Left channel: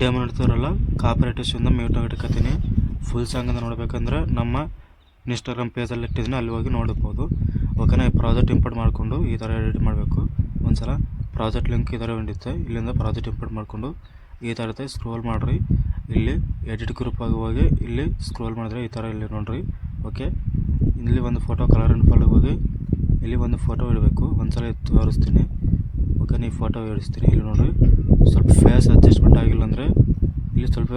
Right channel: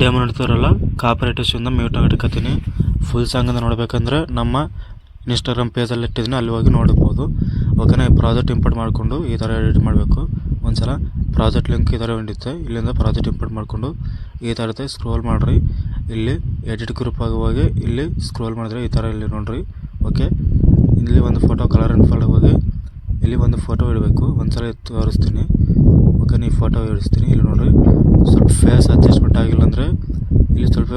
Demo ನೋಡ್ತಿರಲ್ಲ ಕಾಪರೇಟಿವ್ಸಿಂದ mute ಆಗಿಟ್ಕೊತೀನಿ. ಫುಲ್ ಸಾಂಗಿಂದ ನೋಡಬೇಕಂದ್ರೆ ನಮ್ಮ ಇನ್ಸ್ಟಾಗ್ರಾಮ್ ಪೇಜಲ್ಲಿ ಇಟ್ಟಿದ್ದೀನಿ, ಅಲ್ಲಿ ಹೋಗಿ ನೋಡ್ಬೋದು. ಓಕೆನಾ. ಪ್ರಾಜೆಕ್ಟ್ ಇಂಪೋರ್ಟ್ ಮಾಡಿಕೊಂಡು ಈ ಥರ ಎಡಿಟ್ ಮಾಡಬೇಕು. ಒಂದ್ಸಲ ಪ್ರಾಜೆಕ್ಟ್ ಲಿಂಕ್ ಈ ಥರ ಹಿಡಿಯುತ್ತೆ. ಇಲ್ಲಿಂದ ಪ್ರಾಜೆಕ್ಟ್ ಇಂಪೋರ್ಟ್ ಮಾಡಿಕೊಂಡು ಈ ಥರ ಇರುತ್ತೆ. ಸ್ಕ್ರೋಲ್ ಮಾಡಿರಿ, ಇಲ್ಲಿ ಎಡಿಟ್ ಗ್ರೂಪ್ ಆಗಿ ಹೋಗಿ ಇಲ್ಲಿ ಸ್ಕ್ರೋಲ್ ಮಾಡಿದ್ರೆ ಈ ಥರ ಇಲ್ಲಿ ನೋಡಿರಿ. ಓಕೆ, ಇಲ್ಲಿ ಒಂದು ಫೋಟೋ ಕಲರ್ ಆ್ಯಂಡ್ ಫಿಲ್ ಹೋಗಿ ಇಲ್ಲಿ ಒಂದು ಫೋಟೋ ಇಡಬೇಕು. ಒಂದ್ಸಲ ತೋರಿಸ್ತೀನಿ. ಓಕೆ, ಈ ಫೋಟೋ ಇಡಿಸ್ತೀನಿ. ಇಲ್ಲಿ ನೋಡಿರಿ, ಸ್ವಲ್ಪ ಫೇಸ್ ಅಡ್ಜಸ್ಟ್ಮೆಂಟ್ ಆಗಿಲ್ಲ ಅಂದರೆ ಇಲ್ಲಿ ಸ್ವಲ್ಪ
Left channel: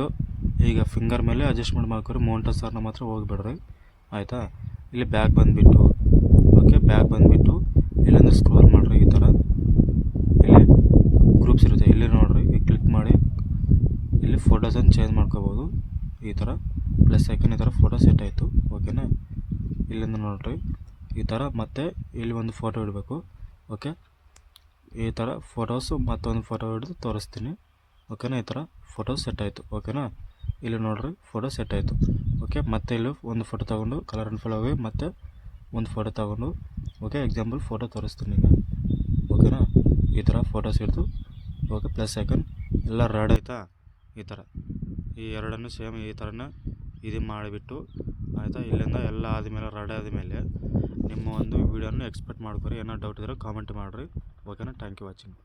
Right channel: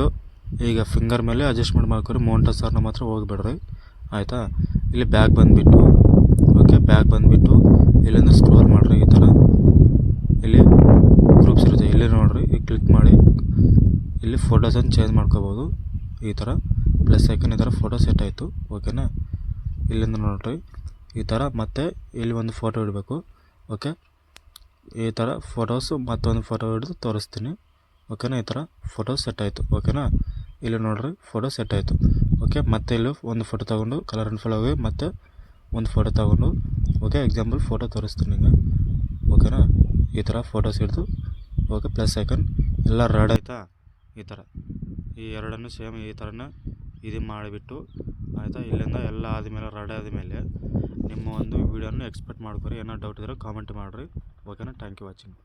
ಈಗ ಫಿಂಗರ್ ಮೇಲೆ ಅಡ್ಜಸ್ಟ್ಮೆಂಟ್ ಮಾಡ್ಕೊರಿ. ಮೌಂಟೇನ್ ಸರ್ನ ಮಾತ್ರ ಹೋಗಿಬಿಡ್ರಿ, ಆಯಿತಾ. ಇಲ್ಲಿ ಬ್ಯಾಗ್ ಬಂದುಬಿಟ್ಟು, ಓಕೆ, ಬ್ಯಾಗ್ ಬಂದುಬಿಟ್ಟು ಇಲ್ಲಿಂದ ಸ್ಕ್ರೋಲ್ ಮಾಡಿರಿ. ಈ ಥರ ಇಲ್ಲಿ ಗ್ರೂಪ್ಸ್ ಇರುತ್ತೆ, ಇಲ್ಲಿ ನೋಡಿರಿ. ಈಗ ಕ್ಲಿಕ್ ಮಾಡಿ ಇಲ್ಲಿ ಫೋಟೋಸನ್ನು ಚೇಂಜ್ ಮಾಡ್ಕೋಬೋದು. ಈ ಥರ ಪ್ಲಸ್ ಐಕನ್, ಈ ಥರ ಫೋಟೋ ಸೆಟ್ ಆಯಿತು. ಓಕೆನಾ. ಇಲ್ಲಿಂದ ನೋಡಿರಿ ಈ ಥರ ಮತ್ತೆ ಇಲ್ಲಿ ಒಂದು ಫೋಟೋ ಇಡಬೇಕು. ಓಕೆ, ಈ ಥರ ಫೋಟೋಸು ಮತ್ತೊಂದು ಫೋಟೋ ಹಿಡಿದು ತೋರಿಸ್ತೀನಿ. ಓಕೆನಾ. ಈ ಥರ ಫೋಟೋ ಸೆಟ್ ಆಯಿತು. ಓಕೆನಾ. ಇಲ್ಲಿ ನೋಡಿರಿ ಫೋಟೋ ಸೆಟ್ ಆಯಿತು. ಓಕೆ, ಮತ್ತೆ ಇಲ್ಲಿ ಒಂದು ಫೋಟೋ ತೊಗೊಂಡು ಕಲರ್ ಆ್ಯಂಡ್ ಫಿಲ್ ಹೋಗಿ ಮತ್ತೆ ಒಂದು ಫೋಟೋ ತೊಗೊಂಡು, ಓಕೆ, ಎಕ್ಸಾಂಪಲ್ ಫೋಟೋ ತೋರಿಸ್ತೀನಿ ಈಗ. ಓಕೆನಾ. ಈ ಥರ ಫೋಟೋಸ್ ಹಿಡಿದು, ಓಕೆ, ಪ್ಲಸ್ ಐಕನ್ ಎಲ್ಲ ರೆಡ್ ಆಯಿತಾ. ಈ ಥರ ಈ ಎರಡನ್ನು ಸೇಮ್ ಈ ಥರನೇ ಇದು ಮಾಡಿಬಿಟ್ಟು, ಆಯಿತಾ. ಇಲ್ಲಿಂದ ಎಲ್ಲ ಆದಮೇಲೆ ರೆಡಿ ಆದಮೇಲೆ ನಿಮ್ಮ ಒಂದು ವೀಡಿಯೋನ ಎಕ್ಸ್ಪೆಕ್ಟ್ ಮಾಡ್ಕೊರಿ. ಏನೋ ಡೌಟ್ ಇದ್ದರೆ ಕಾಮೆಂಟ್ ಮಾಡಿರಿ. ಓಕೆನಾ. Thank you watching.